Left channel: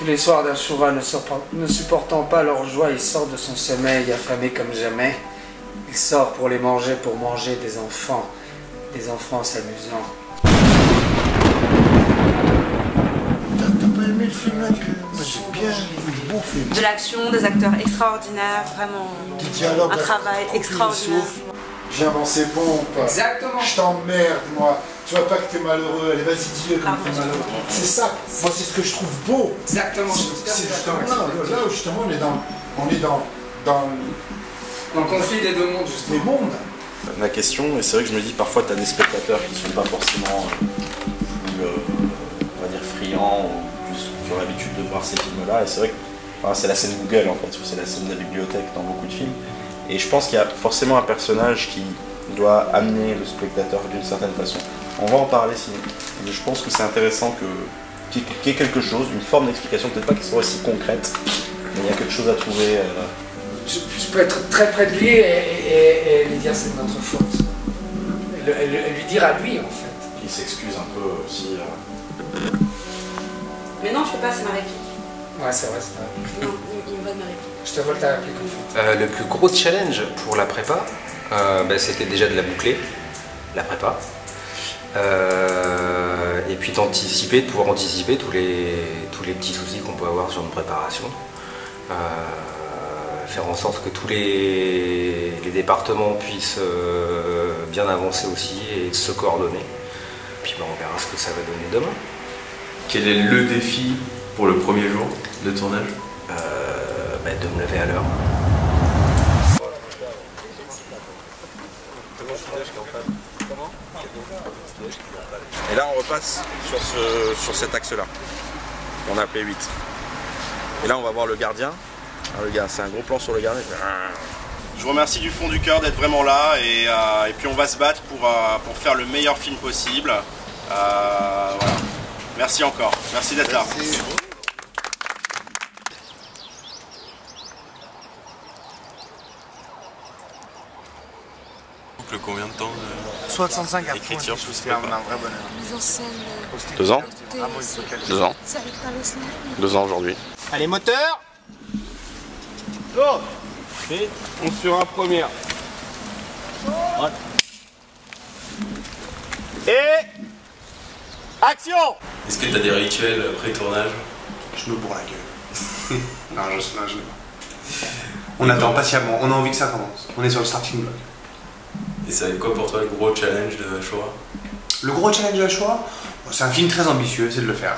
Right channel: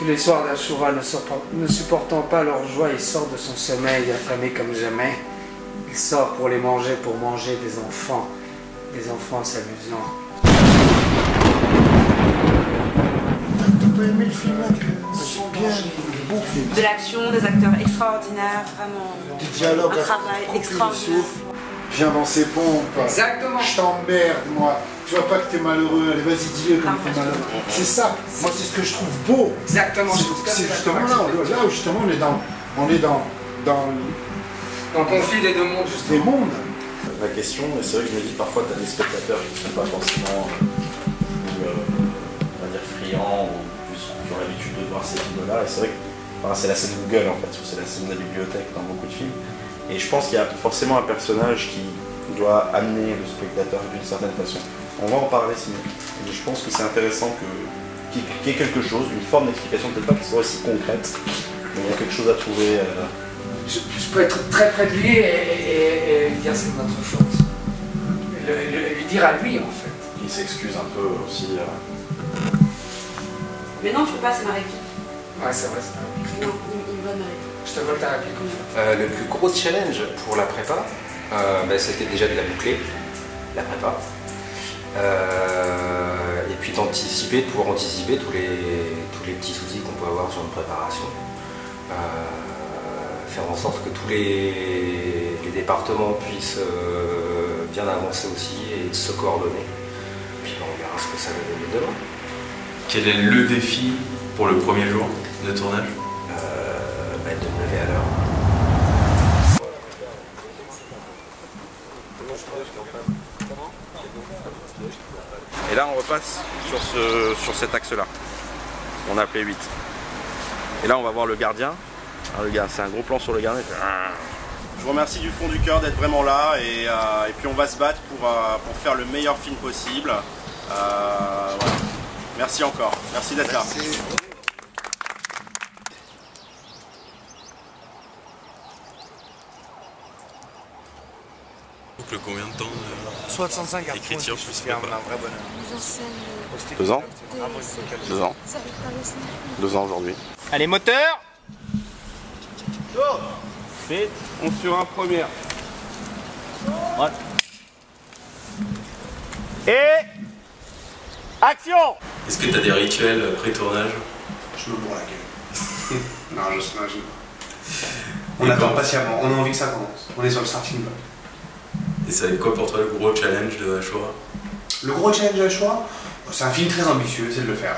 Tous les soirs d'Ashura, ne supportant pas leur joie, il sort de son sommeil, affamé comme jamais. Il sort pour les manger, pour manger des enfants s'amusant. T'as pas aimé le film là? C'est bien, un beau film. De l'action, des acteurs extraordinaires, vraiment Des dialogues, un travail extraordinaire. Viens dans ses pompes. Exactement. Je t'emmerde, moi. Tu vois pas que t'es malheureux. Allez, vas-y, dis-le comme t'es malheureux. C'est ça. Moi, c'est ce que je trouve beau. Exactement. C'est justement là où justement on est dans le conflit des deux mondes, justement. des mondes. Ma question, et c'est vrai que je me dis parfois tu as des spectateurs qui ne sont pas forcément plus, on va dire, friands ou plus, qui ont l'habitude de voir ces films-là, et c'est vrai que c'est la scène Google en fait, c'est la scène de la bibliothèque dans beaucoup de films, et je pense qu'il y a forcément un personnage qui doit amener le spectateur d'une certaine façon. On va en parler sinon, et je pense que c'est intéressant qu'il y ait quelque chose, une forme d'explication, peut-être pas qu'elle soit aussi concrète, mais il y a quelque chose à trouver. Je peux être très près de lui et lui dire c'est de notre faute. Lui dire à lui en fait. Il s'excuse un peu aussi. Mais non, je peux pas, c'est ma réplique. Ouais, c'est vrai, c'est ta réplique. Non, il me vole ma réplique. Je te vole ta réplique en fait. Le plus gros challenge pour la prépa, c'était déjà de la boucler, la prépa. Et puis d'anticiper, de pouvoir anticiper tous les petits soucis qu'on peut avoir sur une préparation. Faire en sorte que tous les départements puissent bien avancer aussi et se coordonner. Puis on verra ce que ça va donner demain. Quel est le défi pour le premier jour de tournage? De me lever à l'heure. Et là on repasse sur cet axe-là. On a appelé 8. Et là on va voir le gardien. Alors, le gars, c'est un gros plan sur le gardien. Je vous remercie du fond du cœur d'être vraiment là et puis on va se battre pour faire le meilleur film possible. Voilà. Merci encore, merci d'être là. Combien de temps 65 à point, c'est un vrai bonheur. 2 ans 2 ans. 2 ans aujourd'hui. Allez, moteur. Vite, on sur un premier. Voilà. Et action. Est-ce que tu as des rituels pré-tournage? Je me bourre la gueule. Non, on attend patiemment, on a envie que ça commence. On est sur le starting block. Et ça va être quoi pour toi le gros challenge de Ashura? Le gros challenge de Ashura, c'est un film très ambitieux, c'est de le faire.